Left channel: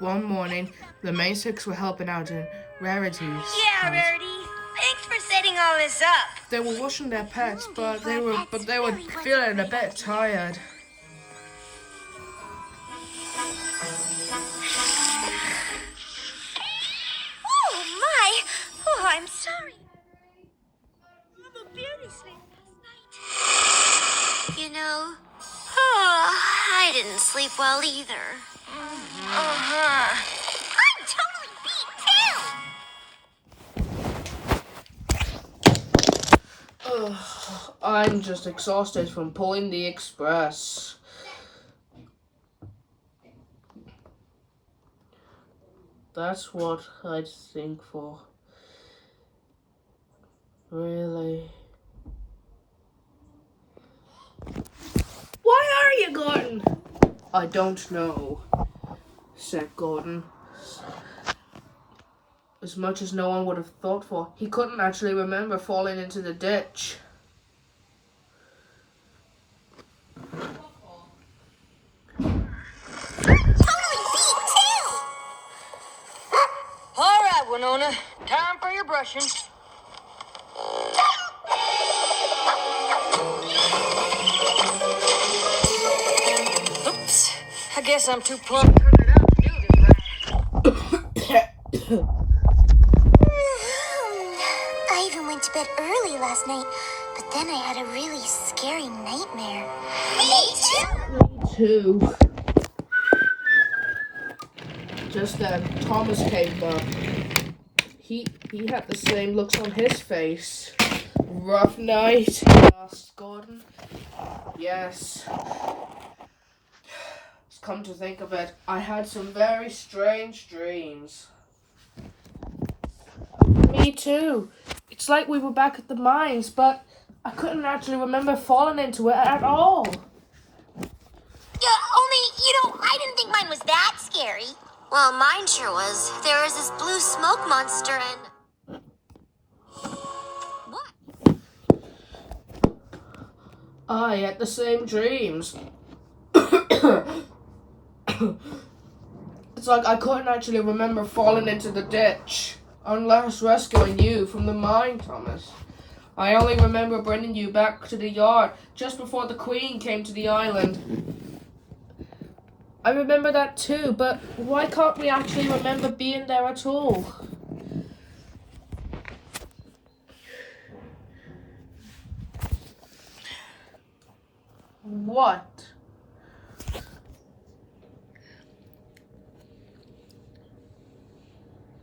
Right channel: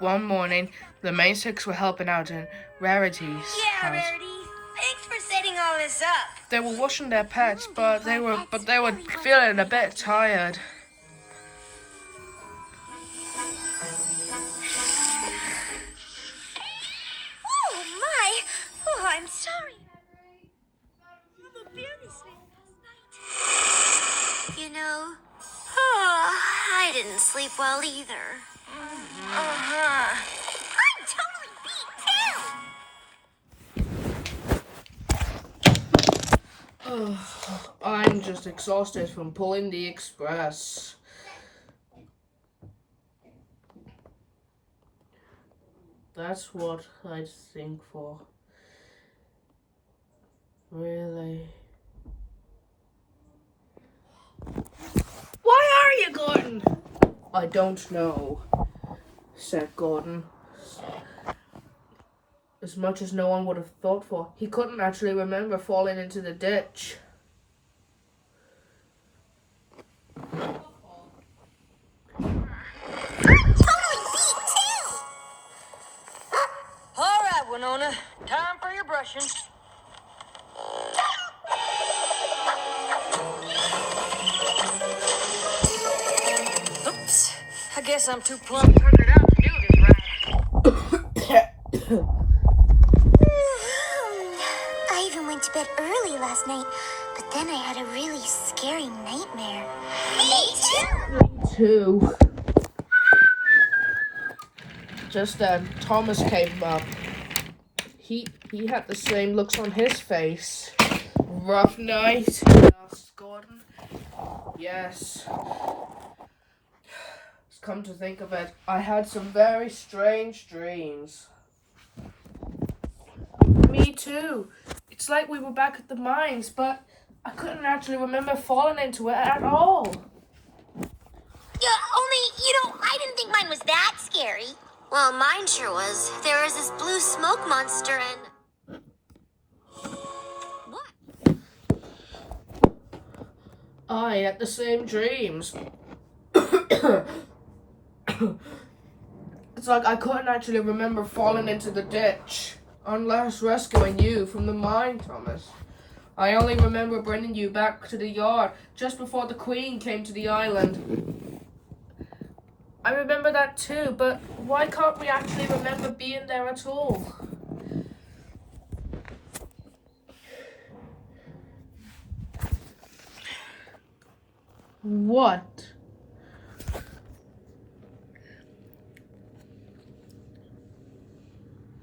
One morning, the main six were helping out in Rarity's Yeah, house. Rarity. Thanks for setting all this up. They were washing their pets, but they were feeling a bit tired. Oh, my. Oh, I'm sorry. I'm a beauty sleep last night. You know, I didn't sleep well either. I'm totally beat, too. Ugh, I'm just exhausted from pulling the express. That's what I'd think for. Really? Why are you, Gordon? I don't know, said Gordon. As much as no one would have thought for, he couldn't actually remember falling into the ditch. All right, Winona. Time for your brushing. Oops. I guess I'm too plump figured out to do this right. I even went to bed early last night, but then I had a really scary nightmare. Me too. Just then, Thomas came up. He had the same looks on his face. Rough night, asked Gordon. Yes. Come to think of it, I had some very strange dreams. Me too. It's like we were back at the mines, but I couldn't actually remember falling into it at all. Yeah, only, I didn't think mine was that scary. Well, mine sure was. There was this blue smoke monster and... What? I had the same dreams. It's like I couldn't actually remember falling into the ditch, unless rescuing you from the mine, Thomas. I only remember bringing you back to the yard just before the Queen came to the island. I remember that too, but why can't we actually remember being there at all? What?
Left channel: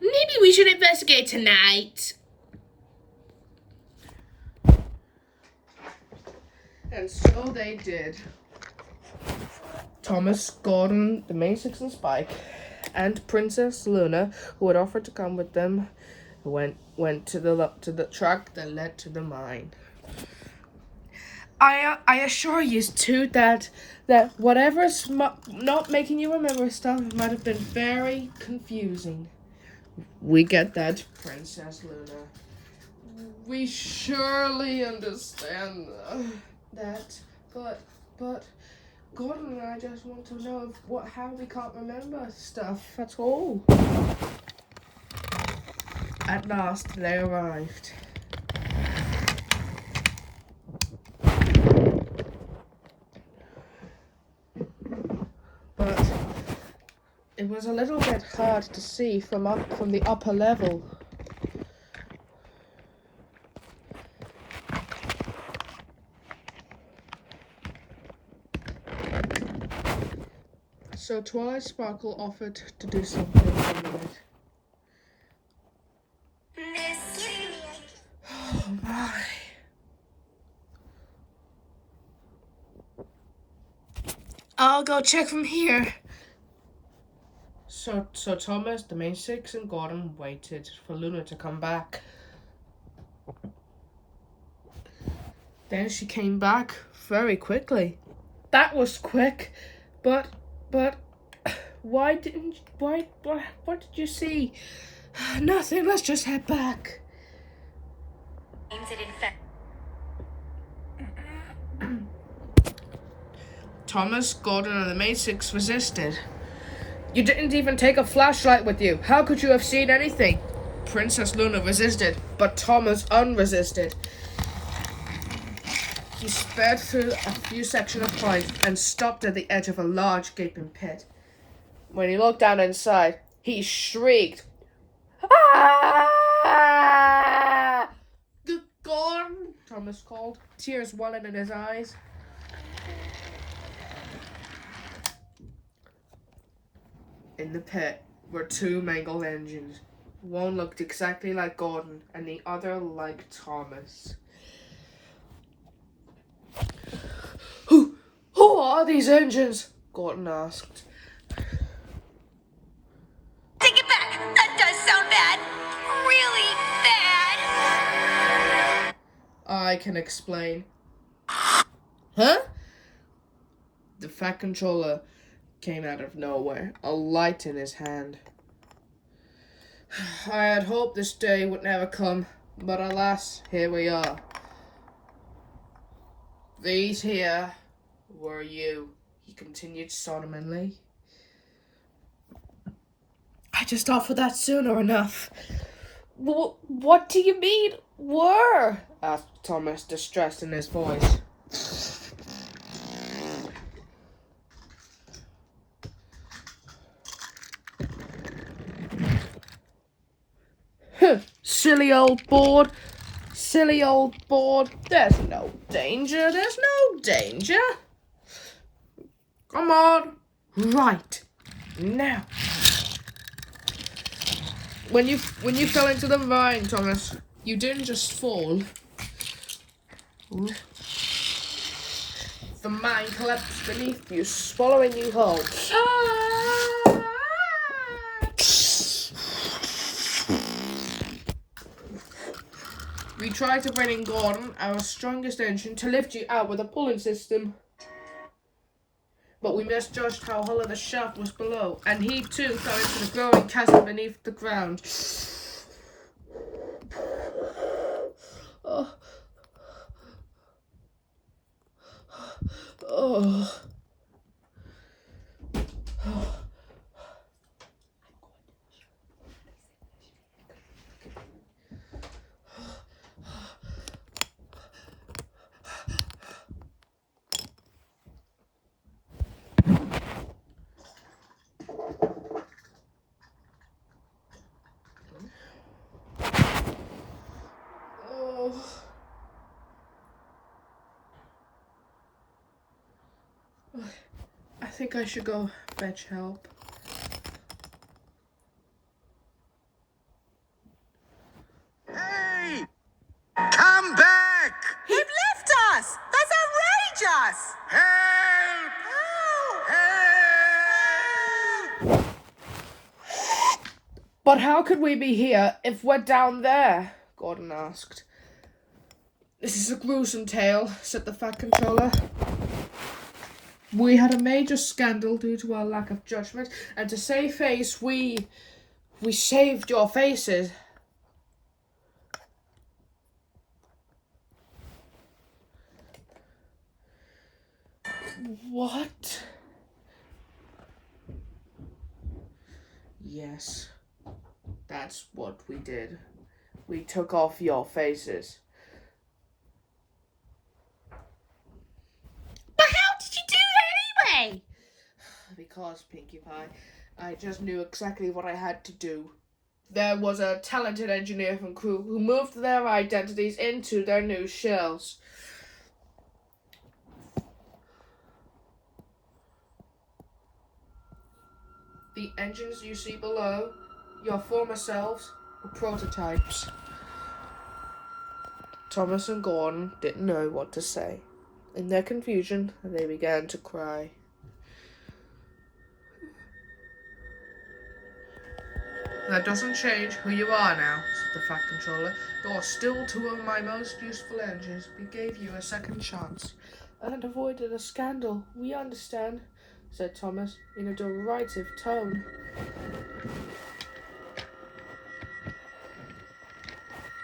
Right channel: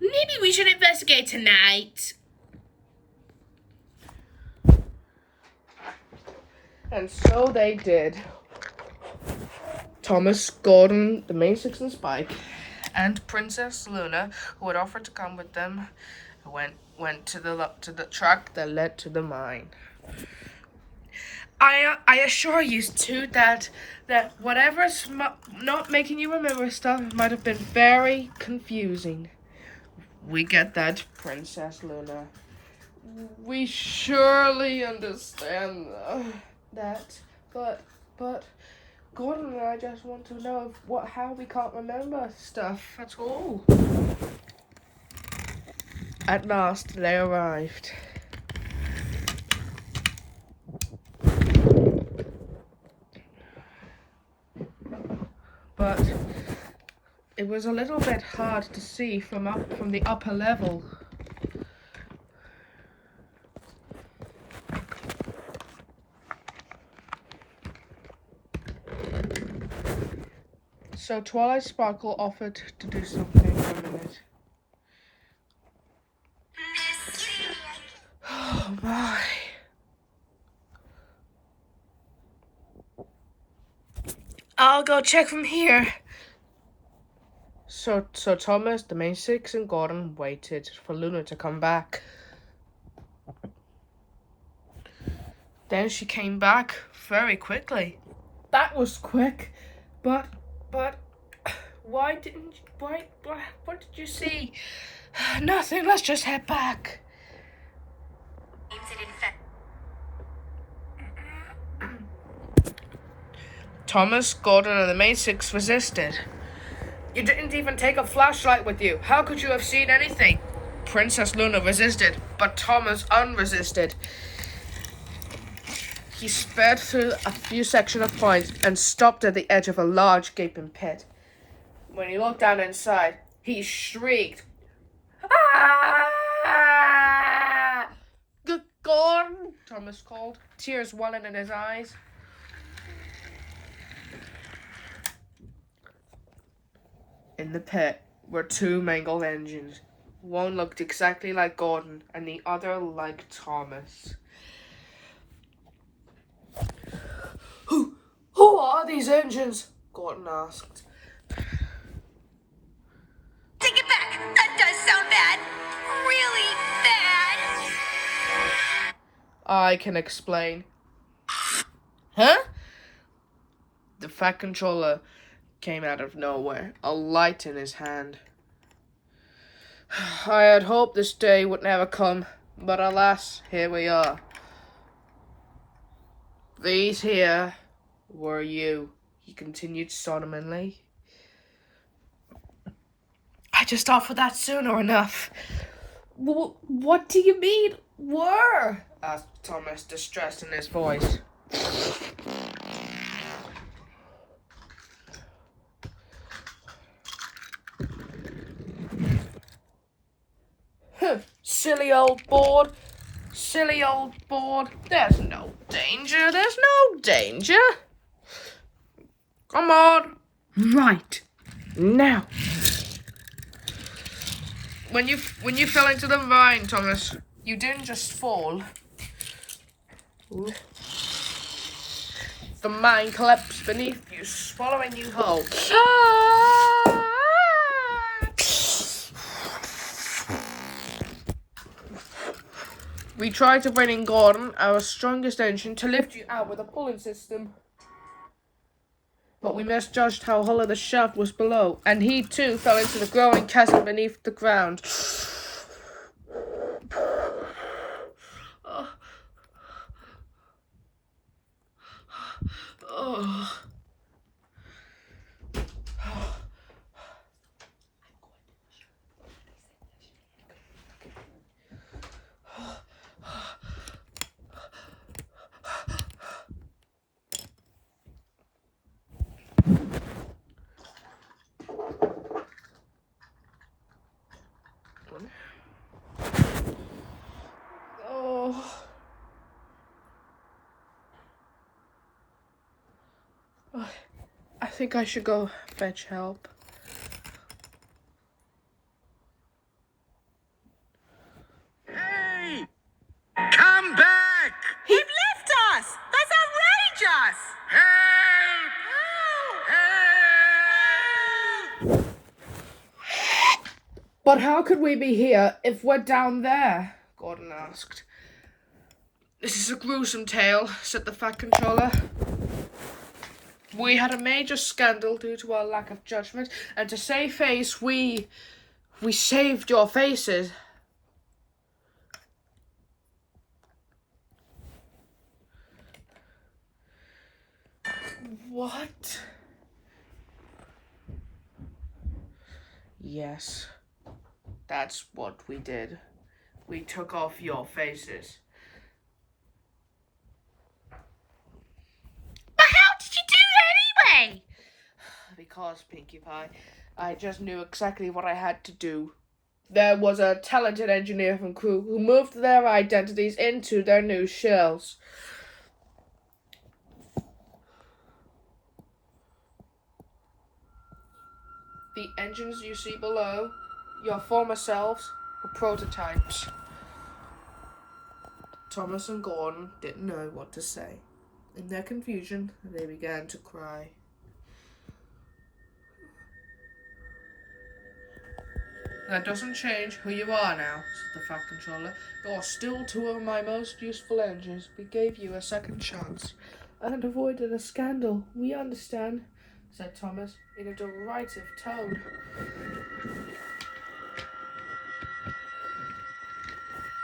Maybe we should investigate tonight. And so they did. Thomas, Gordon, the main six and Spike, and Princess Luna, who had offered to come with them, went to the track that led to the mine. I assure you too that whatever's not making you remember stuff might have been very confusing. We get that, Princess Luna. We surely understand that, but Gordon and I just want to know how we can't remember stuff at all. At last, they arrived. But it was a little bit hard to see from the upper level. So Twilight Sparkle offered to do something for a minute. Oh my. I'll go check from here. So Thomas, the main six, and Gordon waited for Luna to come back. Then she came back very quickly. That was quick, but what did you see? Nothing. Let's just head back. Thomas, Gordon, and the main six resisted. You didn't even take a flashlight with you. How could you have seen anything? Princess Luna resisted, but Thomas unresisted. He sped through a few sections of pines and stopped at the edge of a large gaping pit. When he looked down inside, he shrieked, "Ah!" "Gordon," Thomas called, tears welling in his eyes. In the pit were two mangled engines. One looked exactly like Gordon and the other like Thomas. Who are these engines? Gordon asked. Take it back! That does sound bad! Really bad! I can explain. Huh? The Fat Controller came out of nowhere, a light in his hand. I had hoped this day would never come, but alas, here we are. These here were you, he continued solemnly. I just offered that sooner enough. What do you mean, were? Asked Thomas, distressed in his voice. Silly old board. Silly old board. There's no danger. There's no danger. Come on. Right. Now. When you fell into the vine, Thomas, you didn't just fall. The mine collapsed beneath you, swallowing you whole. We tried to bring in Gordon, our strongest engine, to lift you out with a pulling system. But we misjudged how hollow the shaft was below, and he too fell into the growing chasm beneath the ground. Oh. Oh. Oh. I think I should go fetch help. Hey! Come back! He left us! That's outrageous! Help! Help! Help! But how could we be here if we're down there? Gordon asked. This is a gruesome tale, said the Fat Controller. We had a major scandal due to our lack of judgment, and to save face, we saved your faces. What? Yes, that's what we did. We took off your faces. But how did you do that anyway? Because, Pinkie Pie, I just knew exactly what I had to do. There was a talented engineer from crew who moved their identities into their new shells. The engines you see below, your former selves, were prototypes. Thomas and Gordon didn't know what to say. In their confusion, they began to cry. That doesn't change who you are now, said the Fat Controller. You're still two of my most useful engines. We gave you a second chance. And avoided a scandal. We understand, said Thomas in a derisive tone.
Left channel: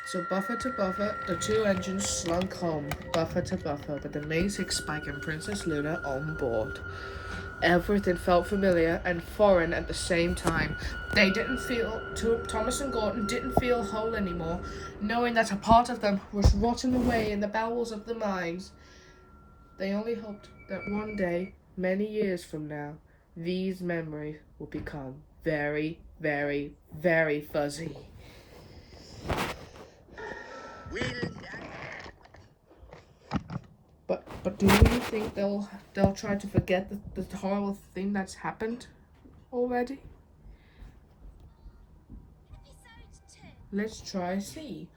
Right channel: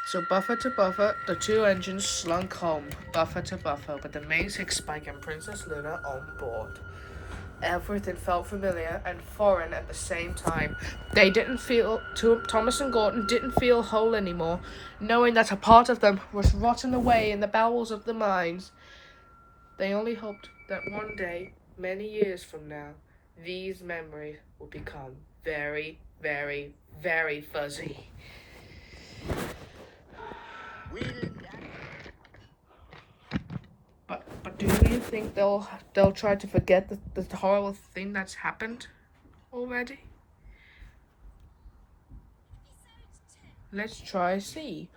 So buffer to buffer, the two engines slunk home, buffer to buffer, with the amazing Spike and Princess Luna on board. Everything felt familiar and foreign at the same time. They didn't feel, Thomas and Gordon didn't feel whole anymore, knowing that a part of them was rotting away in the bowels of the mines. They only hoped that one day, many years from now, these memories will become very, very, very fuzzy. But do you think they'll try to forget the horrible thing that's happened already? Let's try see.